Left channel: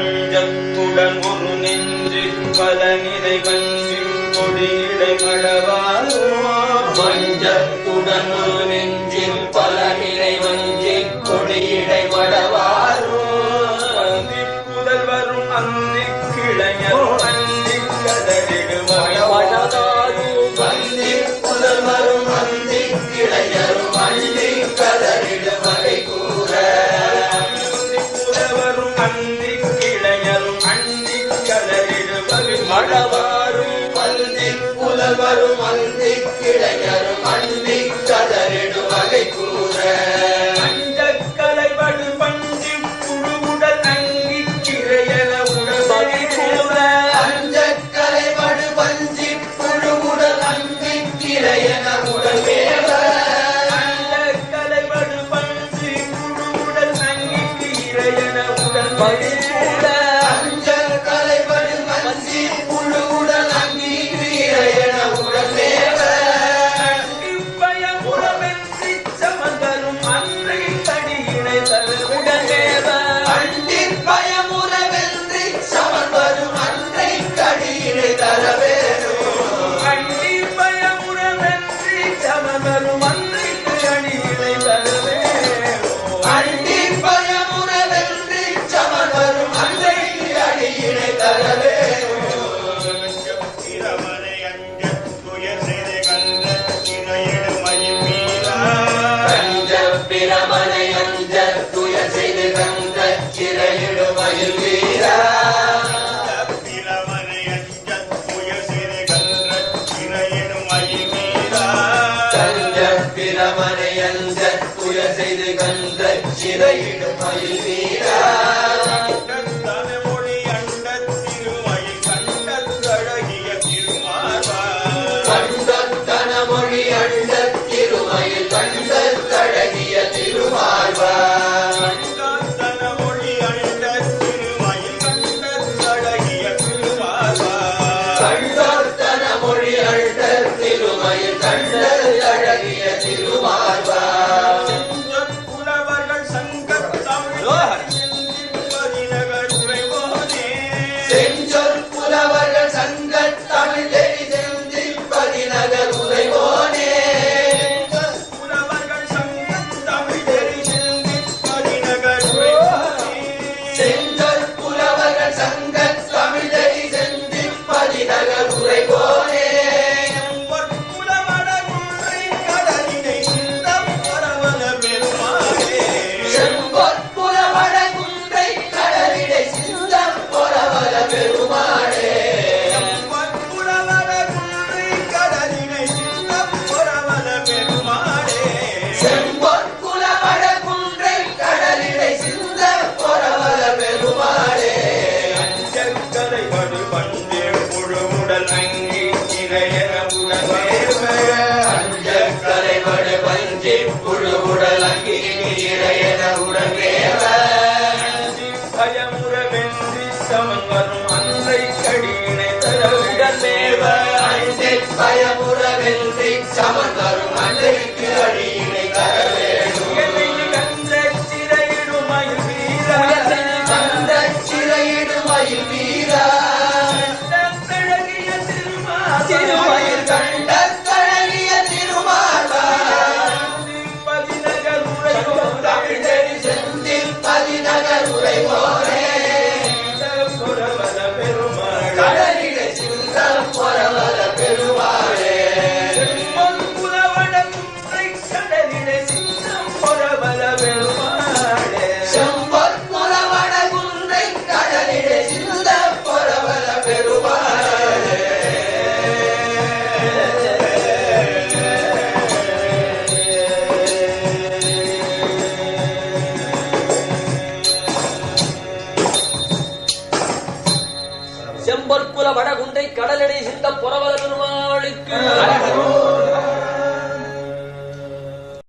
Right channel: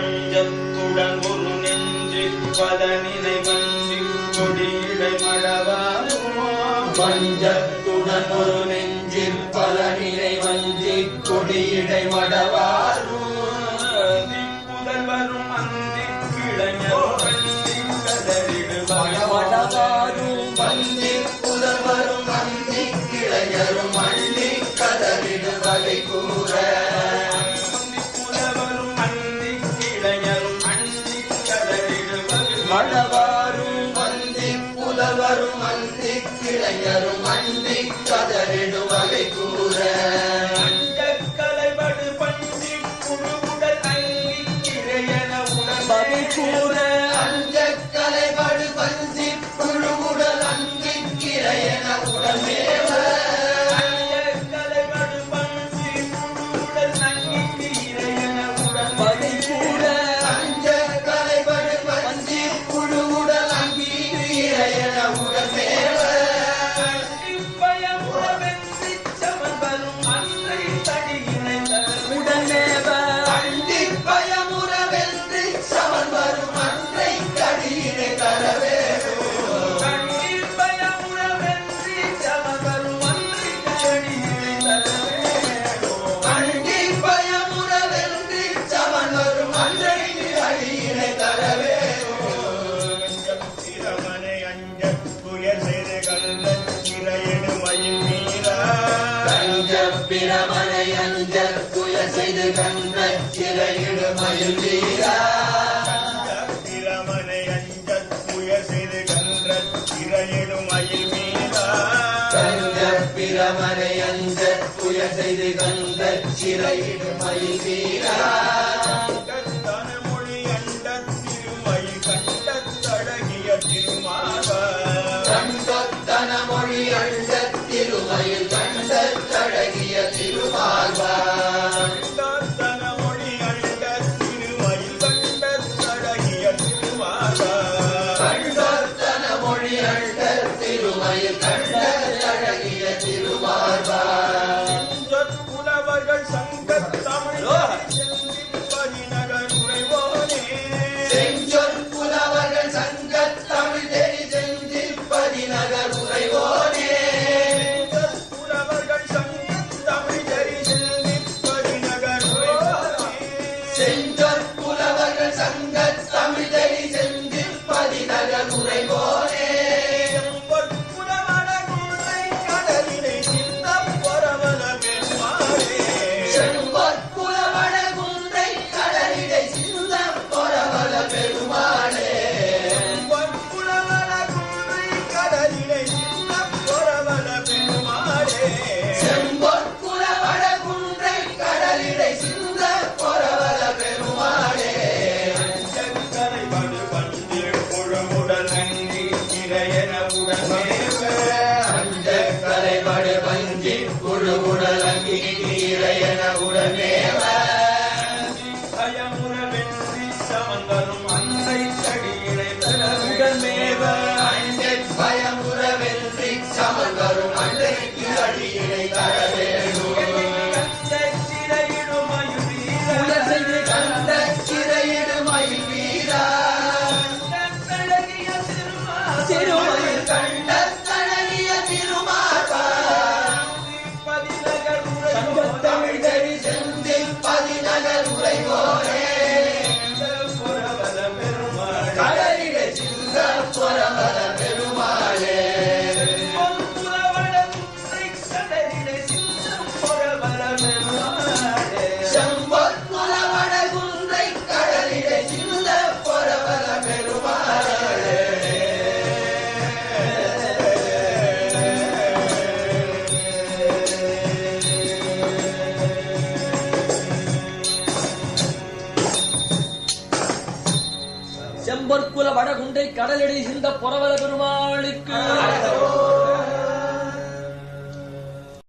வஞ்சத்துடன் ஒரு நெஞ்சு பல நிலை வஞ்சி கொடியிடை மடவாரோ வஞ்சத்துடன் ஒரு நெஞ்சில் பல நிலை வஞ்சி கொடியிடை மடவாரோ அந்தி புதல் வரும் அந்தி கிளைஞரும் அந்தி கதறிடுவாரும் வந்தி புதல் வரும் அந்தி கிளைஞரும் அந்தி கதறிடு வகை கூற புதவரும் அந்தி கிளைஞரும் அந்தி கதறிடு வகை மழவாரும் வந்தி புதல் வரும் அந்தி கிளைஞரும் அந்தி கதறிடு வகை கூற கலைவடு பஞ்சி புழுவுடல் அங்கி கிரையன உடல் வகை கூற அஞ்ச கலைவடு பஞ்சி புழுவுடல் அங்கி கிளையன உடல் மேவ கலைவடு பஞ்சி புழுவுடல் அங்கி கிரையன உடல் வகை கூற அஞ்ச கலைவடு பஞ்சி புழுவுடல் அங்கி கிளையன உடல் மேவ பயமுறவென்றி சமந்தரும் அன்றை தடியினை தருவுடனேவ அண்டி பயமுறவென்றி சமன் வரும் அன்றை கடியினை தரவேணும் அண்டி பயமுறவென்றி சமந்தரும் அன்றை தடியினை தருவேனோ அண்டி பயமுறவென்றி சமன் வரும் அன்றை கடியினை தரவேணும் பிரமனை அஞ்ச துயர் செய்து கண்ட இறையிடு மயில் மீறா அஞ்ச பிரமனை அஞ்ச துயர் செய்து கந்த சிறையிடு மயில் வீரா பிரமனை அஞ்ச துயர் செய்து கண்ட இறையிடு மயில் மீறா அஞ்ச பிரமனை அஞ்ச துயர் செய்து கந்த சிறையிடு மயில் வீரா மொழி அண்ட திருமயில் கண்ட கழகிய திருமாவா கண்டத்தன மொழி அண்ட திருமயில் கண்ட கழகிய திருமார்பா மொழி அண்ட திருமயில் கண்ட கழகிய திருமாவா கண்டத்தன மொழி அண்ட திருமயில் கண்ட கழகிய திருமார்பா புலவர்கள் சங்கத் தமிழ் பதிநகர் உரைவோனே செஞ்சொல் புலவர்கள் சங்கத் தமிழ் தெரி செந்திப்பதி நகர் உரைவோனே புலவர்கள் சங்கத் தமிழ் தெரிந்து பதிநகர் உரைவோனே செஞ்சொல் புலவர்கள் சங்கத் தமிழ் தெரி செந்திப்பதி நகர் உரைவோனே பொற்புலவட குன்றை கடலினை சிந்தப் பரவல பெருமாளே செம்பொற் புலவட குன்றை கடலிடை சிந்தப் பொறவல பெருமானே பொற்புலவட குன்றை கடலினை சிந்தப் பரவல பெருமாளே செம்பொற் புலவட குன்றை கடலிடை சிந்தப் பொறவல பெருமானே அஞ்சக்கரை வடு பண்டே புழுவுடல் அங்கி இளையன உடனேவ அஞ்ச கரைபடு பஞ்சி புழுவுடல் அங்கி இறையன உடனேவ பயமுறவென்றி சமங்கரும் அன்றை கடியினை தரவுடனேவ அண்டை பயமுறவென்றி சமன் வரும் அன்றைக்கு அடியினை தர வேண்டும் கந்த சிறையிடுமயில் வீர கண்ட சிறையிடுமயில் வீரா அழகிய திருமயில் கண்ட கழகிய திருமார்பா பதிநகர் உரையோ தமிழ் தெரி செந்தில் பதிநகர் உரைவோனே புறவல பெருமாள் கடலிடை சிந்த பொறவல பெருமாளே புறவட குன்றை கடலிடை சிந்தம் புறவல பெருமாளே செம்பொற் புலவட குன்றை கடலிடை சிந்த பொறவல பெருமாளே செம்பொற்குல வடகுண்டை கடலடை சிந்த புறவல பெருமாளுக்கு